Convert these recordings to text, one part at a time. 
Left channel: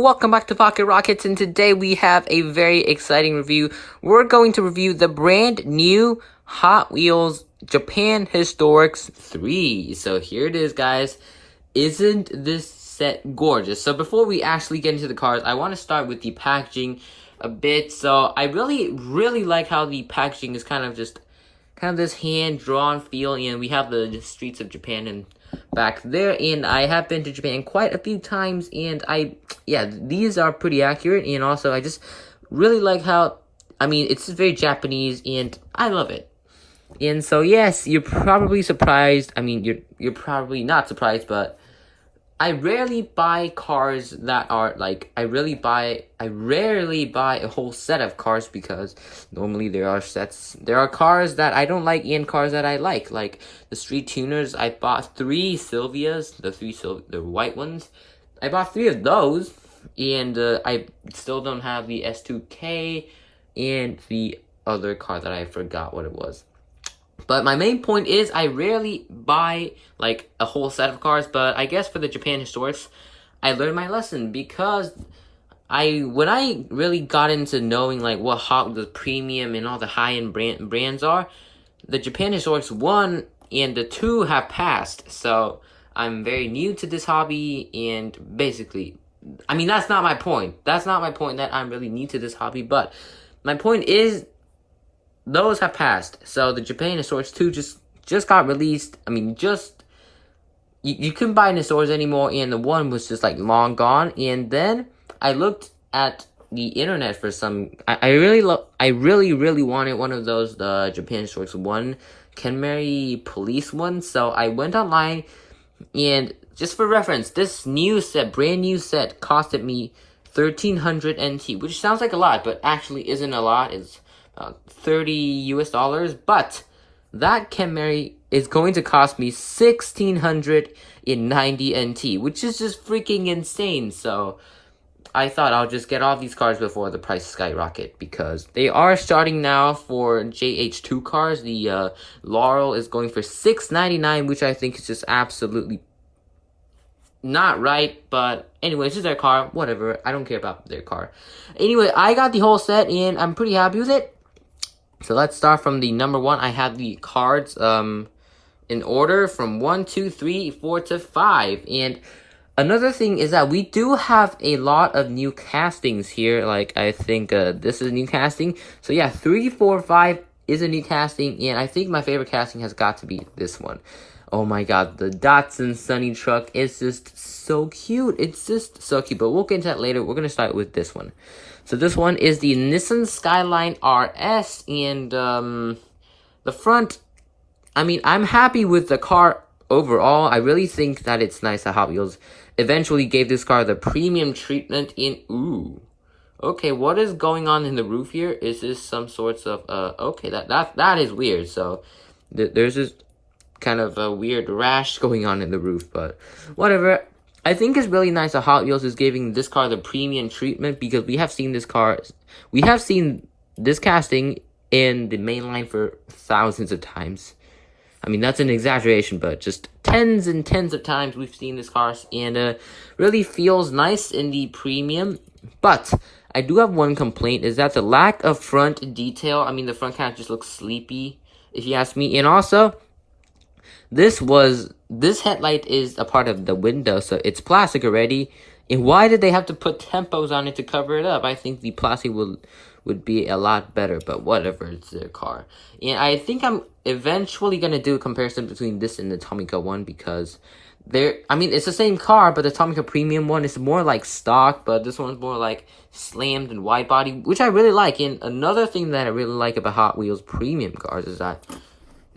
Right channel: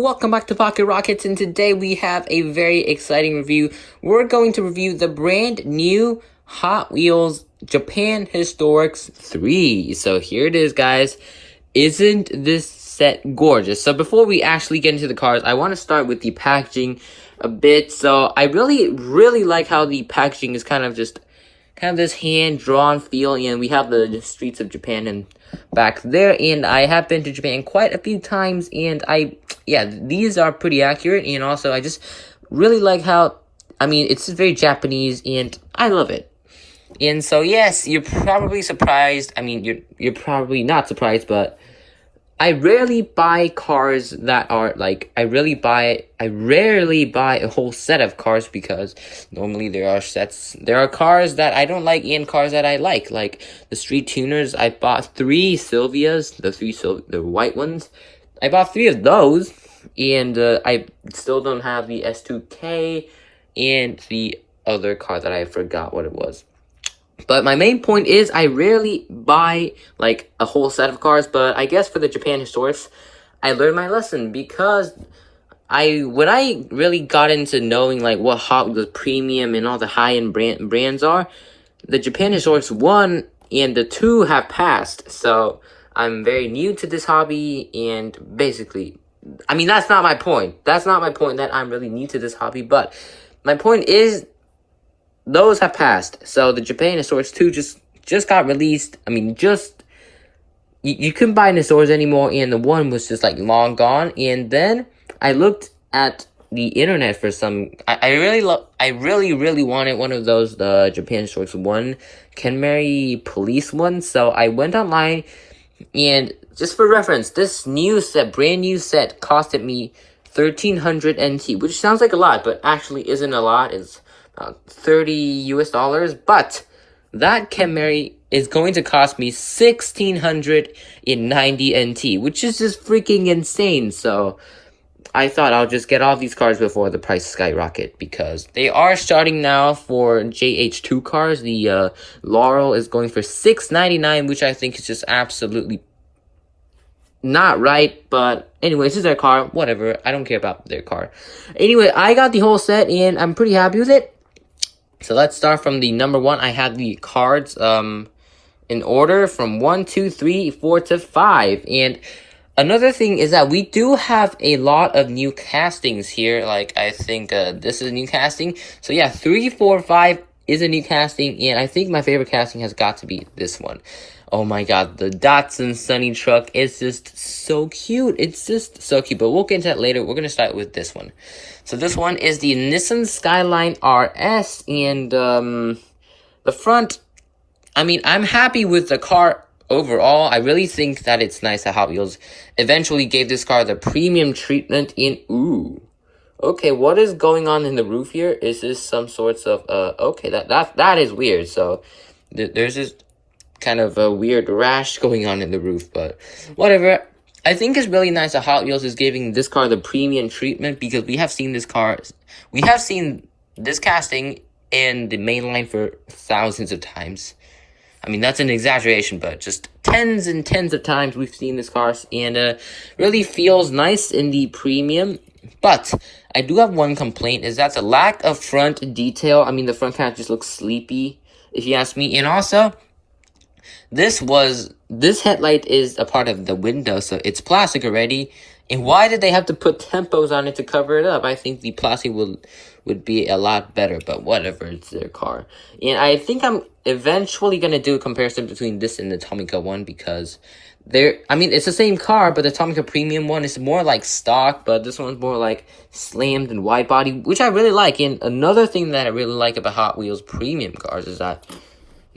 welcome back to Pocket Rockets, and today we have a very exciting review. We're going to review the brand new Hot Wheels Japan Historics 3. So here it is, guys. Isn't this set gorgeous? So before we actually get into the cars, I want to start with the packaging a bit. So I really like how the packaging is kind of this hand-drawn feel, and we have the streets of Japan and back there, and I have been to Japan quite a few times, and these are pretty accurate, and also I just really like how, it's very Japanese, and I love it. And so, yes, you're probably surprised, you're probably not surprised, but I rarely buy cars that are, I rarely buy a whole set of cars, because normally there are cars that I don't like and cars that I like the street tuners. I bought 3 Sylvias, the white ones. I bought 3 of those, and I still don't have the S2K and the other car that I forgot what it was. But my main point is I rarely buy, a whole set of cars, but I guess for the Japan Historics, I learned my lesson, because when I really got into knowing, what Hot Wheels Premium and all the high-end brands are, the Japan Historics 1 and the 2 have passed, so I'm very new to this hobby, and basically, that's not my point. That's not my point that I'm really new to this hobby, but my point is, those have passed. So the Japan Historics 2 just got released. You couldn't buy it in the stores anymore, and the 1 was just long gone. And then I looked at the internet for some. I really wanted one of those, the Japan Historics 1 Kenmari police ones. So I went online, and just for reference, this brand new set costed me 1,300 NT, which sounds like a lot, but actually isn't a lot. It's $30 US, but that Kenmari is going to cost me 1,690 NT, which is just freaking insane. So I thought I'll just get all these cars before the price skyrocket, because they are starting now for JH2 cars. The Laurel is going for $699, which I think is just absolutely not right, but anyway, this is their car, whatever, I don't care about their car. Anyway, I got the whole set, and I'm pretty happy with it. So let's start from the number 1. I have the cards in order from 1, 2, 3, 4 to 5. And another thing is that we do have a lot of new castings here. I think this is a new casting. So yeah, 3, 4, 5 is a new casting, and I think my favorite casting has got to be this one. Oh my god, the Datsun Sunny truck is just so cute. It's just so cute, but we'll get into that later. We're going to start with this one. So this one is the Nissan Skyline RS, and the front, I'm happy with the car overall. I really think that it's nice that Hot Wheels eventually gave this car the premium treatment ooh. Okay, what is going on in the roof here? Is this some sorts of, okay, that is weird. So there's this kind of a weird rash going on in the roof, but whatever. I think it's really nice that Hot Wheels is giving this car the premium treatment, because we have seen this casting in the main line for thousands of times. That's an exaggeration, but just tens and tens of times we've seen this car, and really feels nice in the premium. But I do have one complaint, is that the lack of front detail. The front kind of just looks sleepy, if you ask me. And also, this headlight is a part of the window, so it's plastic already. And why did they have to put tempos on it to cover it up? I think the plastic would be a lot better, but whatever, it's their car. And I think I'm eventually going to do a comparison between this and the Tomica one, because it's the same car, but the Tomica Premium one is more like stock, but this one's more like slammed and wide body, which I really like. And another thing that I really like about Hot Wheels Premium cars is that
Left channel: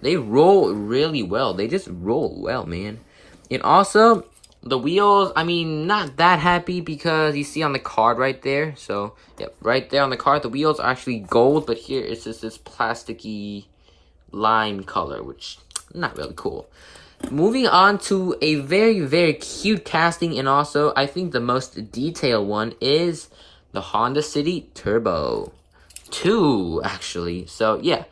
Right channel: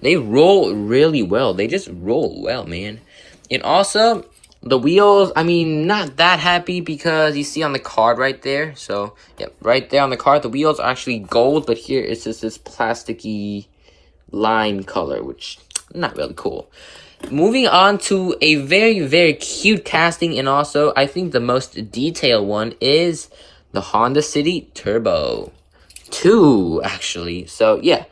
they roll really well. They just roll well, man. And also, the wheels, not that happy, because you see on the card right there. So, yeah, right there on the card, the wheels are actually gold, but here it's just this plasticky lime color, which not really cool. Moving on to a very, very cute casting, and also, I think the most detailed one is the Honda City Turbo 2, actually. So, yeah.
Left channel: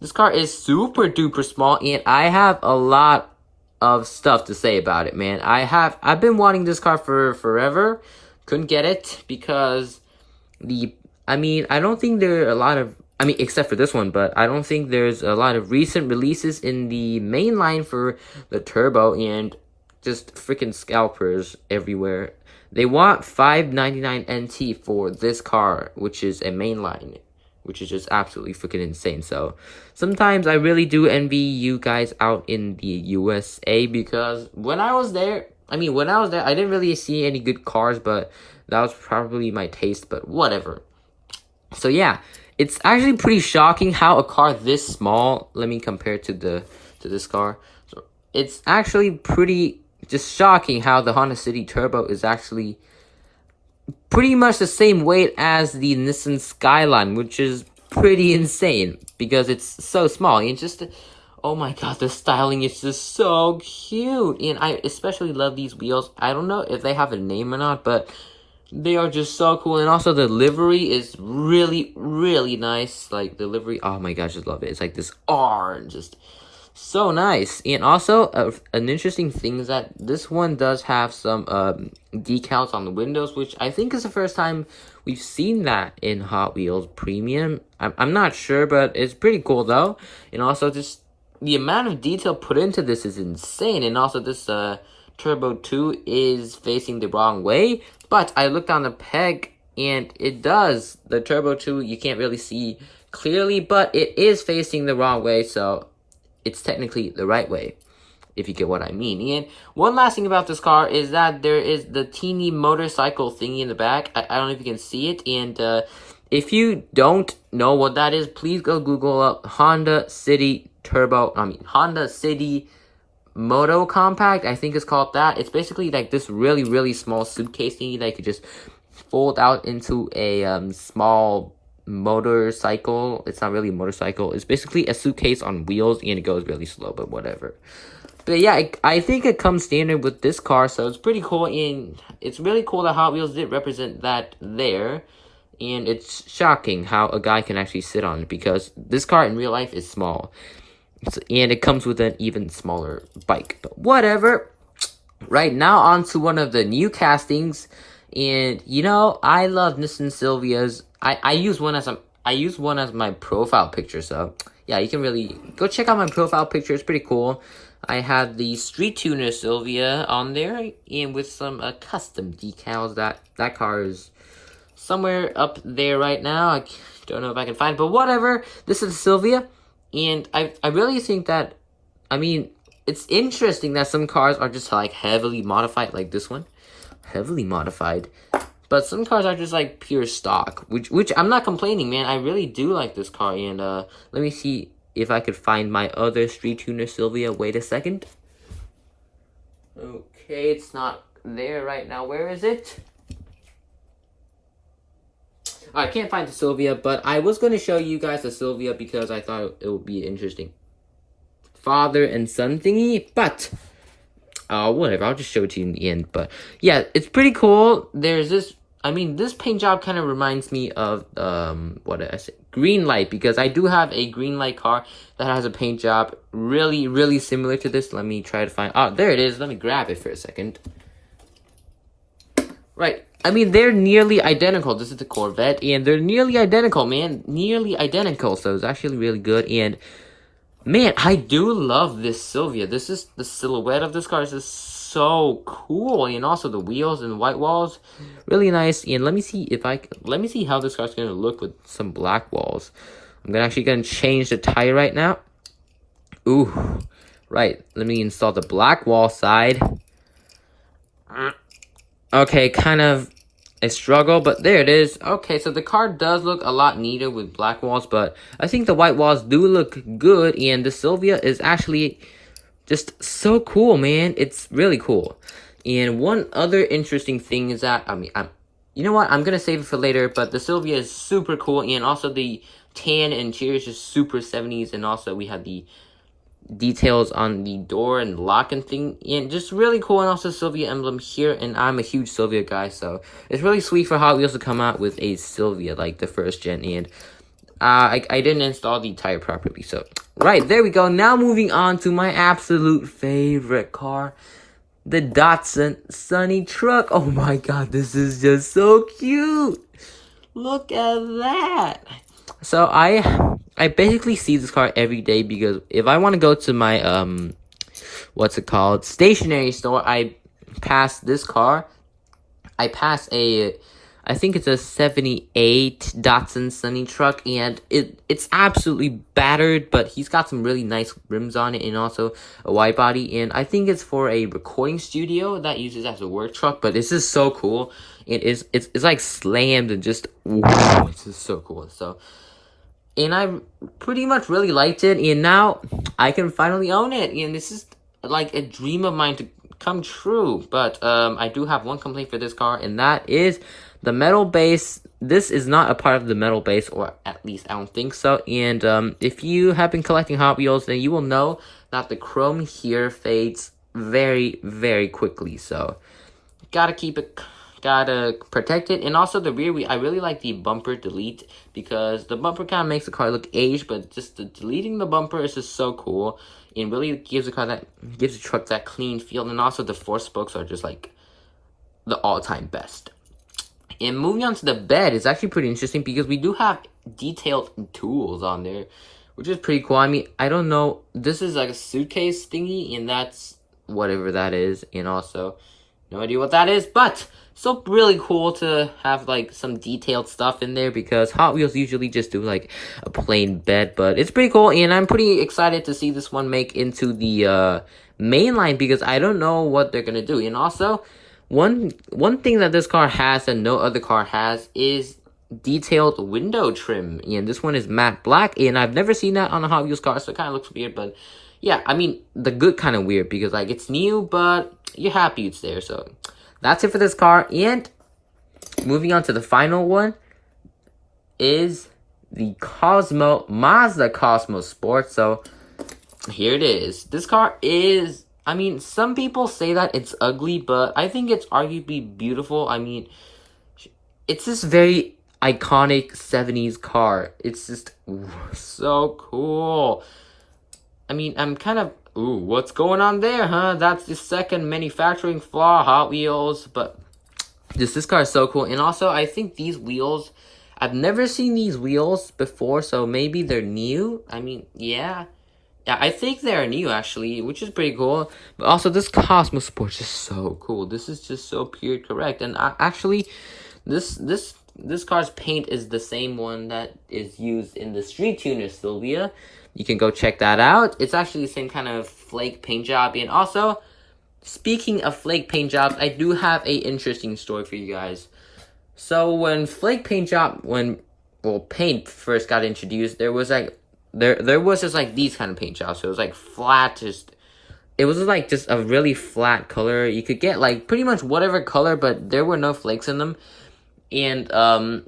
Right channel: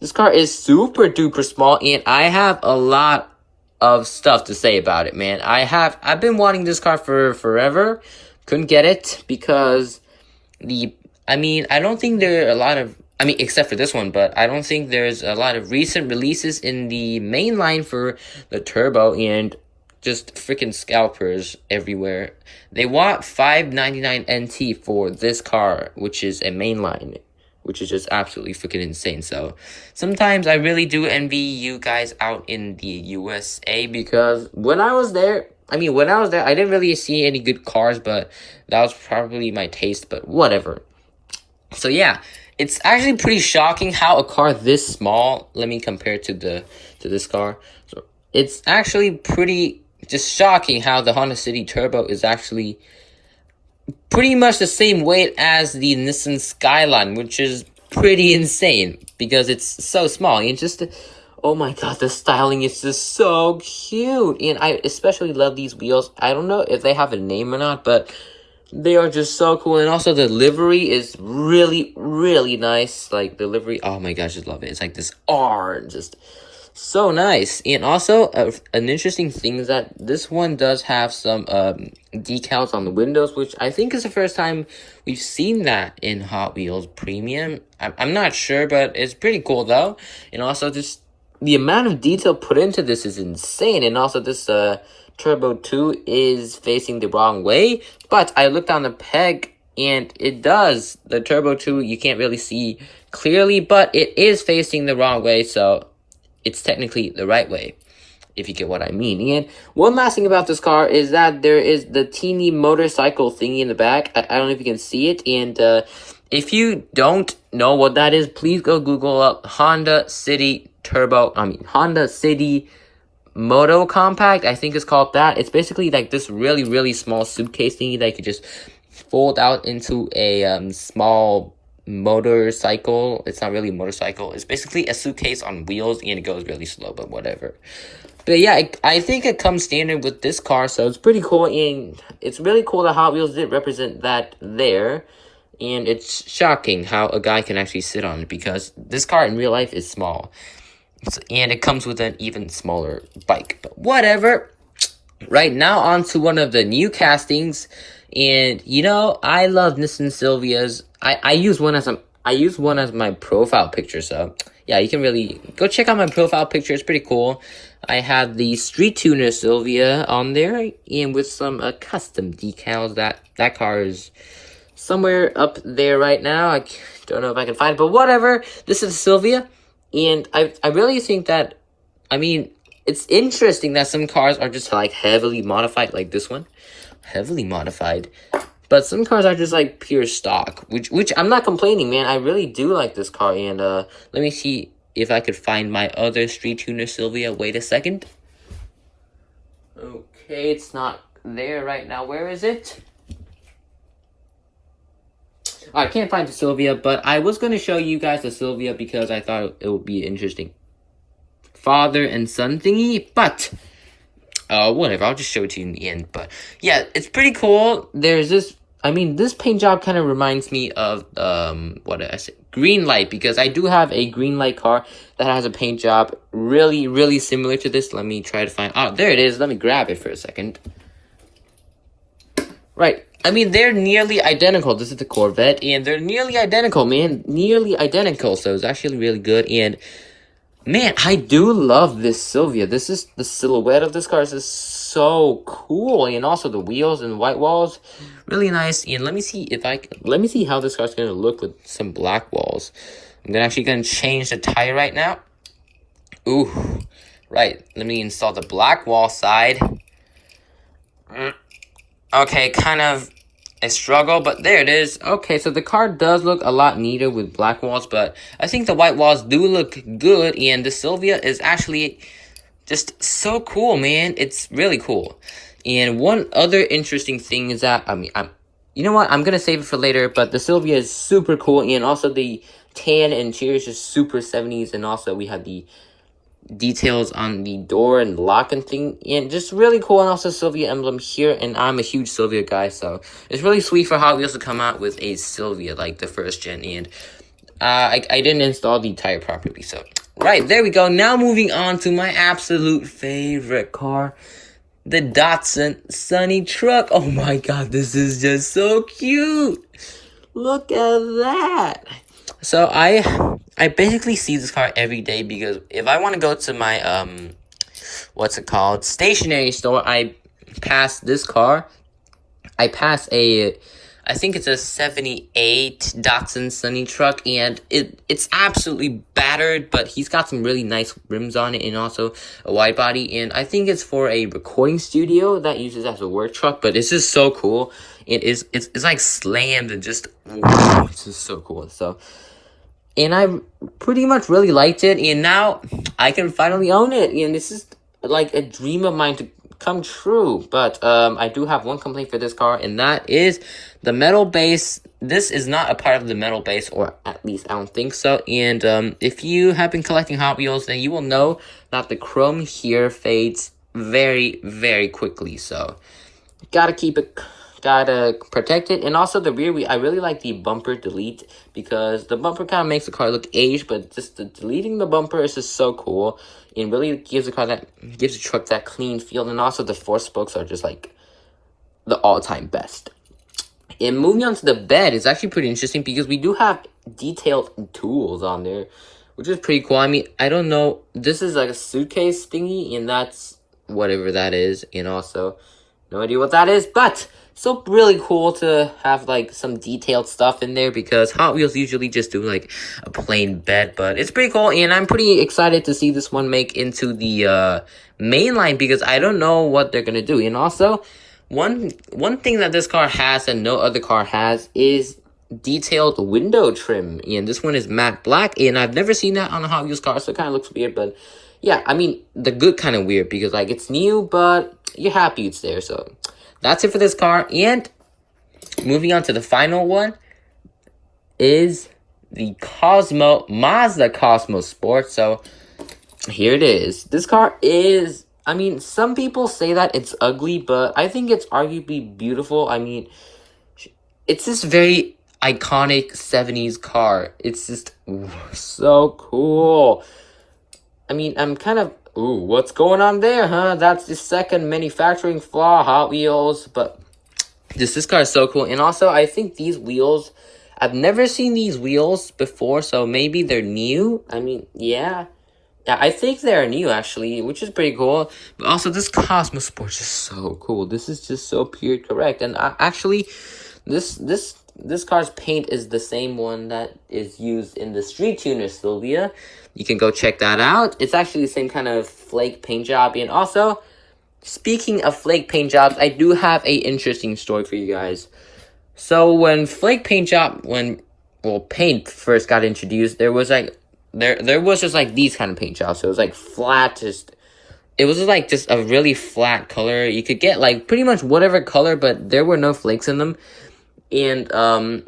This car is super duper small, and I have a lot of stuff to say about it, man. I've been wanting this car for forever, couldn't get it because I don't think there are a lot of, except for this one, but I don't think there's a lot of recent releases in the main line for the Turbo, and just freaking scalpers everywhere. They want $599 NT for this car, which is a mainline, which is just absolutely freaking insane. So sometimes I really do envy you guys out in the USA, because when I was there, I didn't really see any good cars, but that was probably my taste, but whatever. So yeah, it's actually pretty shocking how a car this small, let me compare it to this car. So it's actually pretty just shocking how the Honda City Turbo is actually pretty much the same weight as the Nissan Skyline, which is pretty insane because it's so small. And just, oh my god, the styling is just so cute. And I especially love these wheels. I don't know if they have a name or not, but they are just so cool. And also the livery is really, really nice. Like the livery, oh my gosh, I just love it. It's like this R and just so nice. And also an interesting thing is that this one does have some decals on the windows, which I think is the first time we've seen that in Hot Wheels Premium. I'm not sure, but it's pretty cool though. And also just the amount of detail put into this is insane. And also this Turbo 2 is facing the wrong way, but I looked on the peg and it does. The Turbo 2 you can't really see clearly, but it is facing the wrong way, so it's technically the right way, if you get what I mean. And one last thing about this car is that there is the teeny motorcycle thingy in the back. I don't know if you can see it, and if you don't know what that is, please go Google up Honda City Moto Compact, I think it's called that. It's basically like this really, really small suitcase thingy that you could just fold out into a small motorcycle. It's not really a motorcycle. It's basically a suitcase on wheels, and it goes really slow, but whatever. But yeah, I think it comes standard with this car, so it's pretty cool, and it's really cool that Hot Wheels did represent that there. And it's shocking how a guy can actually sit on it, because this car in real life is small. And it comes with an even smaller bike. But whatever. Right now, on to one of the new castings. And, I love Nissan Silvias. I use one as my profile picture. So, yeah, you can really go check out my profile picture. It's pretty cool. I have the Street Tuner Silvia on there. And with some custom decals. That car is somewhere up there right now. I don't know if I can find it. But whatever. This is Silvia. And I really think that, it's interesting that some cars are just, like, heavily modified, like this one. Heavily modified. But some cars are just, like, pure stock, which I'm not complaining, man. I really do like this car, and, let me see if I could find my other Street Tuner Silvia. Wait a second. Okay, it's not there right now. Where is it? I can't find the Silvia, but I was going to show you guys the Silvia because I thought it would be interesting father and son thingy, but whatever, I'll just show it to you in the end. But yeah, it's pretty cool. There's this, this paint job kind of reminds me of what did I say, green light, because I do have a green light car that has a paint job really, really similar to this. Let me try to find, there it is. Let me grab it for a second. Right. They're nearly identical. This is the Corvette, and they're nearly identical, man. Nearly identical, so it's actually really good. And, man, I do love this Silvia. This is the silhouette of this car. This is so cool. And also the wheels and white walls, really nice. And let me see how this car's going to look with some black walls. I'm actually going to change the tire right now. Ooh, right. Let me install the black wall side. Okay, kind of a struggle, but there it is. Okay, so the car does look a lot neater with black walls, but I think the white walls do look good, and the Silvia is actually just so cool, man. It's really cool. And one other interesting thing is that, you know what? I'm going to save it for later, but the Silvia is super cool, and also the tan interior is just super 70s, and also we have the details on the door and lock and thing, and just really cool. And also Silvia emblem here, and I'm a huge Silvia guy, so it's really sweet for Hot Wheels to come out with a Silvia like the first gen. And I didn't install the tire properly, so right, there we go. Now moving on to my absolute favorite car, the Datsun Sunny truck. Oh my god, this is just so cute. Look at that. So I basically see this car every day because if I want to go to my what's it called, stationery store, I pass this car. I pass I think it's a 78 Datsun Sunny truck, and it's absolutely battered, but he's got some really nice rims on it and also a wide body, and I think it's for a recording studio that uses as a work truck, but it's just so cool. It's like slammed and just, wow, it's just so cool. So, and I pretty much really liked it, and now I can finally own it, and this is like a dream of mine to come true. But I do have one complaint for this car, and that is the metal base. This is not a part of the metal base, or at least I don't think so. And if you have been collecting Hot Wheels, then you will know that the chrome here fades very, very quickly. So gotta keep it, gotta protect it. And also the rear, I really like the bumper delete, because the bumper kind of makes the car look aged, but just deleting the bumper is just so cool, and really gives the truck that clean feel. And also the four spokes are just like the all-time best. And moving on to the bed, it's actually pretty interesting because we do have detailed tools on there, which is pretty cool. I mean, I don't know, this is like a suitcase thingy, and that's whatever that is, and also no idea what that is, but so really cool to have like some detailed stuff in there, because Hot Wheels usually just do like a plain bed, but it's pretty cool, and I'm pretty excited to see this one make into the main line, because I don't know what they're gonna do. And also, one thing that this car has and no other car has is detailed window trim, and this one is matte black, and I've never seen that on a Hot Wheels car, so it kind of looks weird, but yeah, I mean, the good kind of weird, because like it's new, but you're happy it's there. So that's it for this car. And moving on to the final one is the Mazda Cosmo Sport. So here it is. This car is, I mean, some people say that it's ugly, but I think it's arguably beautiful. I mean, it's this very iconic 70s car. It's just so cool. I mean, I'm kind of, ooh, what's going on there, huh? That's the second manufacturing flaw, Hot Wheels. But this car is so cool. And also, I think these wheels, I've never seen these wheels before, so maybe they're new. I mean, yeah. Yeah, I think they're new, actually, which is pretty cool. But also, this Cosmo Sport is just so cool. This is just so period correct. And actually, this car's paint is the same one that is used in the Street Tuner Sylvia. You can go check that out. It's actually the same kind of flake paint job. And also, speaking of flake paint jobs, I do have a interesting story for you guys. So when flake paint job, paint first got introduced, there was like there was just like these kind of paint jobs. So it was like flat, it was like just a really flat color. You could get like pretty much whatever color, but there were no flakes in them. And a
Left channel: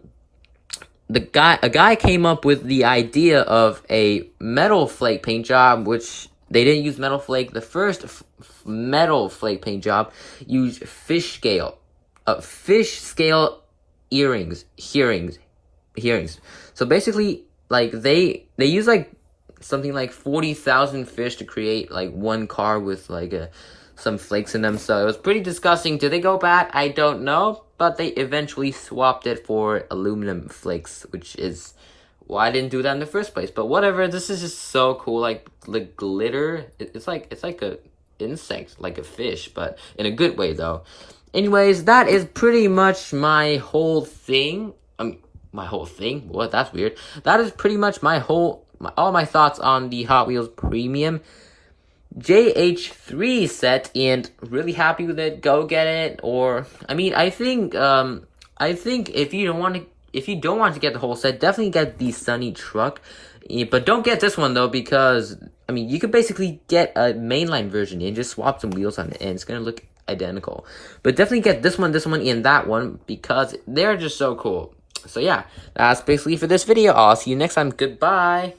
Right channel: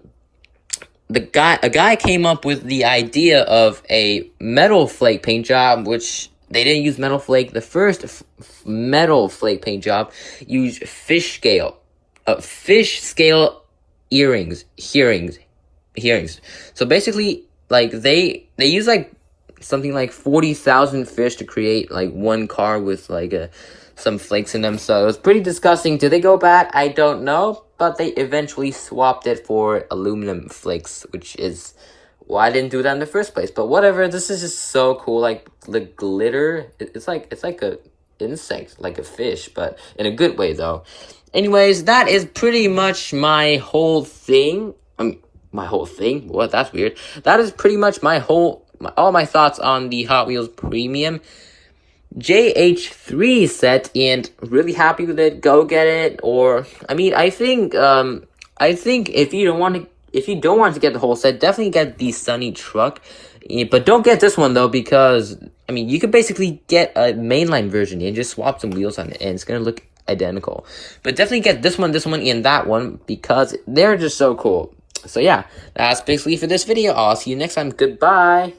guy came up with the idea of a metal flake paint job, which they didn't use metal flake. The first metal flake paint job used fish scale earrings. So basically, like they use like something like 40,000 fish to create like one car with like some flakes in them. So it was pretty disgusting. Did they go bad? I don't know. But they eventually swapped it for aluminum flakes, which is why I didn't do that in the first place. But whatever, this is just so cool. Like the glitter, it's like a insect, like a fish, but in a good way though. Anyways, that is pretty much my whole thing. My whole thing? What? That's weird. That is pretty much all my thoughts on the Hot Wheels Premium JH3 set, and really happy with it. Go get it. Or I mean, I think if you don't want to get the whole set, definitely get the Sunny truck. But don't get this one though, because I mean, you could basically get a mainline version and just swap some wheels on it, and it's gonna look identical. But definitely get this one, and that one, because they're just so cool. So yeah, that's basically for this video. I'll see you next time. Goodbye.